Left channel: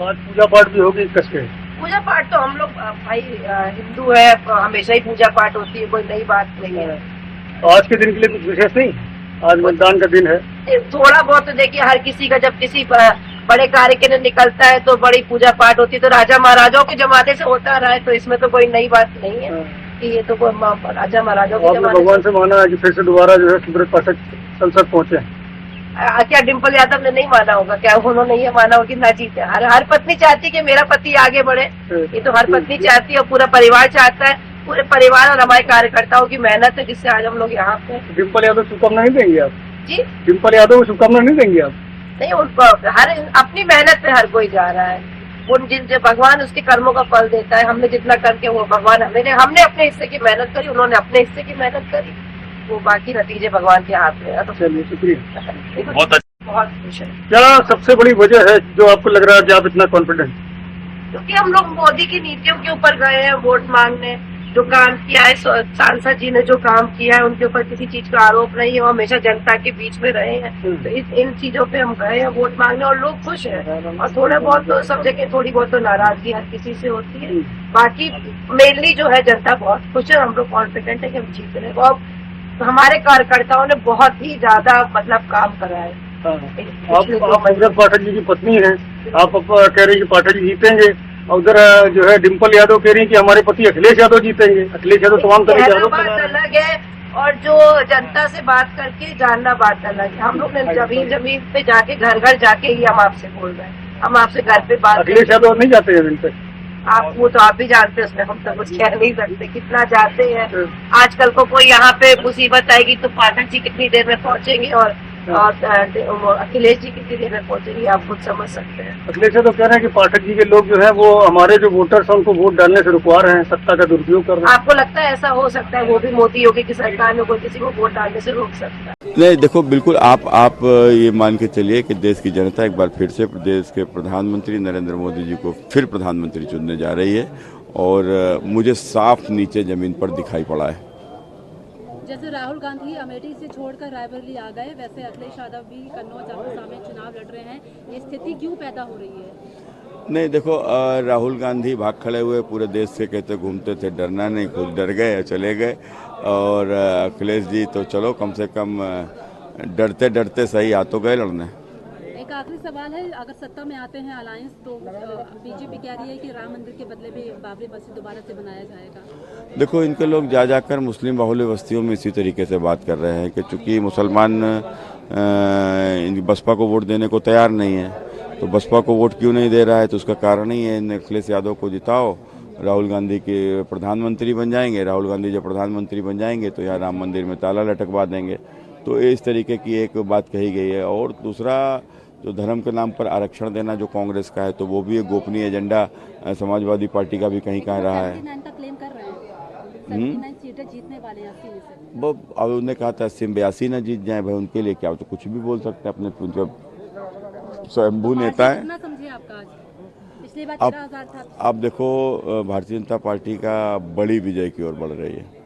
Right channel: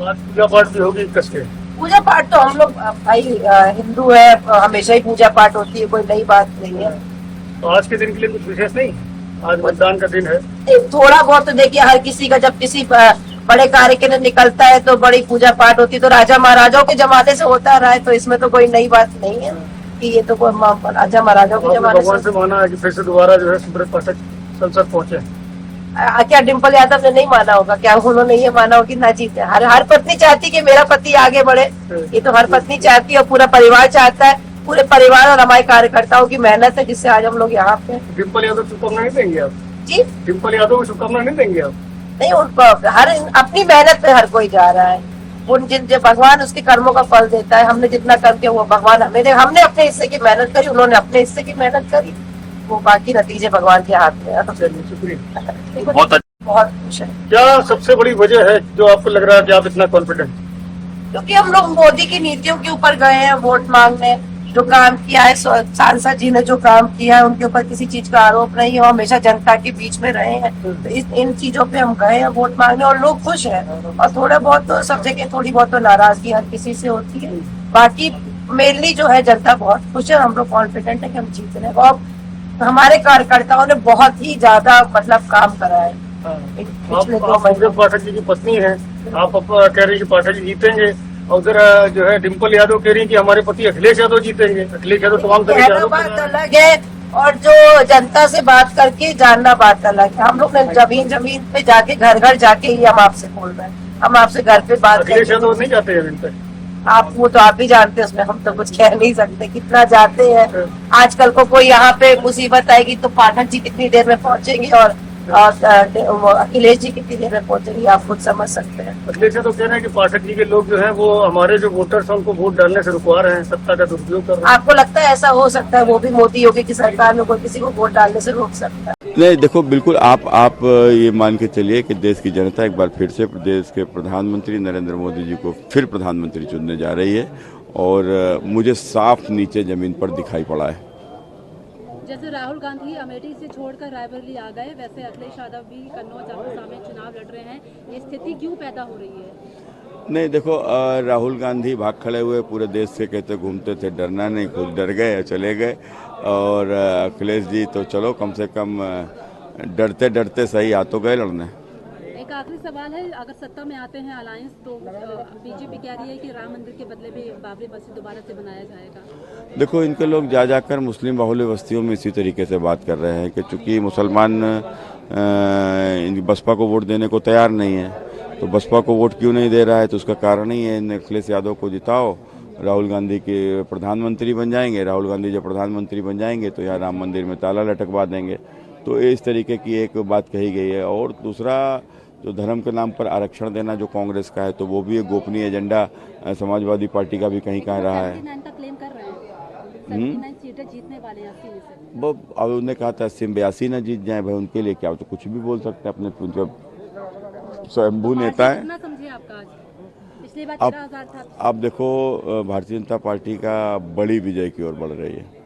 आज पूजा पाठ भी होगी कसके। पूजा पाठ तो हम लोग भाई हिंदू है, हमेशा ही पूजा पाठ होती है, कोई नई बात नहीं है। तो आज के दिन के लिए कुछ विशेष नहीं, आज मतदान का दिन है। थोड़ा बहुत तो देखिए, हर किसी का जब किसी बड़े कार्य के लिए निकलता है तो बड़ी पूजा पाठ होती है, तो राजा महाराजाओं के जमाने से होता रहा है, तो इसमें तो कोई नई बात नहीं है कि ये तो राजा महाराजाओं के जमाने भगवान से से। माना है कि फिर से दोबारा जो है सुब्रत पाठक संसद पहुंचे। क्या डिम्पल यादव ने नहीं माना होगा? क्या उन्होंने ये माना होगा कि ना जीते? हर पत्नी चाहती है कि मेरा पति आगे बढ़े, ये तो हर पत्नी चाहती है और पूरा परिवार चाहता है। पूरे परिवार और हमारे कार्यकर्ताओं की मेहनत है जिससे आज हम लोग यहाँ पे। डिम्पल यादव शुभकामना नहीं देंगे आप? जी, डिम्पल यादव को शुभकामना नहीं देंगे आप? नहीं, उनको हर अपनी मेहनत पे हर कोई जा रहा है। उन जिन जो भगवान उसके कर्मों का फल देता है, हमने जितना कर्म किया वो भगवान हमने अपने हिस्से की मेहनत करी, उन्होंने अपने हिस्से की मेहनत करी, वो बाकी नतीजे भगवान के हाथ में है। चलिए, शुक्रिया। बहुत खुश है क्या सबसे बड़ी वजह है जो आपको लग रहा है कि आप इतना कॉन्फिडेंट? क्योंकि हम लोग मोदी की नीतियों के ऊपर गए हैं वोट मांगने। जो काम किया है सांसद जी ने, जो काम किया है, उनके ऊपर किसी चीज का आरोप नहीं है, वो हमेशा जनता के बीच में रहे हैं, तो इन चीजों पे हम गए हैं वोट मांगने और लोग खुश हैं। और थोड़ा बहुत तो सब जगह थोड़ी बहुत तो नाराजगी हर किसी से होती है, बाकी मेनली जो है जनता बहुत खुश है। हम लोग कॉन्फिडेंट है कि हम जीत रहे हैं और हमारे कार्यकर्ताओं ने बहुत ही ज्यादा मतलब काम करा है पिछले 2 महीने। पाठक जी की पत्नी है, आप कह रही है कि पाठक जी जीतेंगे, और उधर जो है डिम्पल यादव कह रही है कि हमारे पति अखिलेश यादव जीतेंगे। अखिलेश यादव तमाम कहना बात अलग है और जो जनता से बात करके जानना बात अलग है। हम लोग ने जमीन जमीन पे जाके घर घर जाके ही हम आपसे बोल रहे हैं, हम आपसे घर पे बात अखिलेश यादव नहीं जाते जमीन पे। आप वो तो आप भी जानते हैं, उसमें हम तो कुछ कह नहीं सकते कितना जाते हैं। आजकल को कोई यहाँ पे मुसीबत आएगी तो पाठक जी कितनी देर में पहुंचेंगे और अखिलेश जी कितनी देर में पहुंचेंगे, आप खुद समझ सकते हैं। अखिलेश यादव कह रहे हैं कि पाठक जी के लोग जो है वो हमारे जो वोटर्स हैं उनको वोट डालने से रुकवा रहे हैं, सत्ता का दुरुपयोग कर रहे हैं। आपको लगता है ऐसा हो सकता है? वो भी मोदी योगी की सरकार में कोई किसी को वोट डालने से रोक सकता है? नहीं, देखो, बिल्कुल आप ये मान के चलिए कि देश की जनता एक बार फिर से देश के प्रधानमंत्री नरेंद्र मोदी जी को फिर प्रधानमंत्री चुनने जा रही है और मुझे साफ नीचे जमीन पर दिखाई पड़ा है। जैसे राहुल गांधी अमेठी से छोड़कर रायबरेली आ गए, वैसे अखिलेश यादव भी कन्नौज अमरोहा में चुनाव लड़ रहे हैं, ये स्थिति क्यों पैदा हो रही है? नहीं, देखो, राहुल गांधी भाग खड़े हुए पूरे देश से कहते घूमते थे डरना नहीं, खुद डर गए चले गए, और अखिलेश जी तो चलो कम से कम डरते डरते सही आ तो गए लड़ने। एक आखिरी सवाल है, अगर सत्ता में आते हैं अलायंस तो बीजेपी कह रही है कि राम मंदिर के बदले में बाबरी मस्जिद दोबारा से बनाया जाएगा। देखो, इनके लोग जा जाकर मुस्लिम बाहुल्य बस्तियों में इसी तरीके से बात कर रहे हैं कि चूंकि मुसलमान बसपा को वोट देने को तैयार नहीं है, तो बसपा को वोट क्यों नहीं दे रहा है, तो उसका कारण ही है अखिलेश यादव को जिताओ, राहुल गांधी के प्रधानमंत्री बन जाएंगे। राहुल गांधी जब प्रधानमंत्री बन जाएंगे तो यहाँ राम मंदिर में ताला लटकवा देंगे। तो इस तरीके की एक बात कही गई है। और दूसरा, जो धर्म के नाम पर आरक्षण देना जो कांग्रेस का है, तो वो भी एक गोपनीय एजेंडा समाजवादी पार्टी का भी कहीं कहाँ रहा है। 79 का क्लेम कर रहे हैं, 79 सीटें जीतने वाले हैं 80 में से। वो अब उन्होंने कहा था 80-82 ना जीत जाए, भाई उनके लिए क्या हो, तो कुछ भी बोल सकते हैं, अपने स्वयंभू नेता है। कितना समझे आपका आज? पिछली बार अब 13,000 था। आप देखो, भारतीय जनता पार्टी का बड़ी विजय की ओर बढ़ रही है।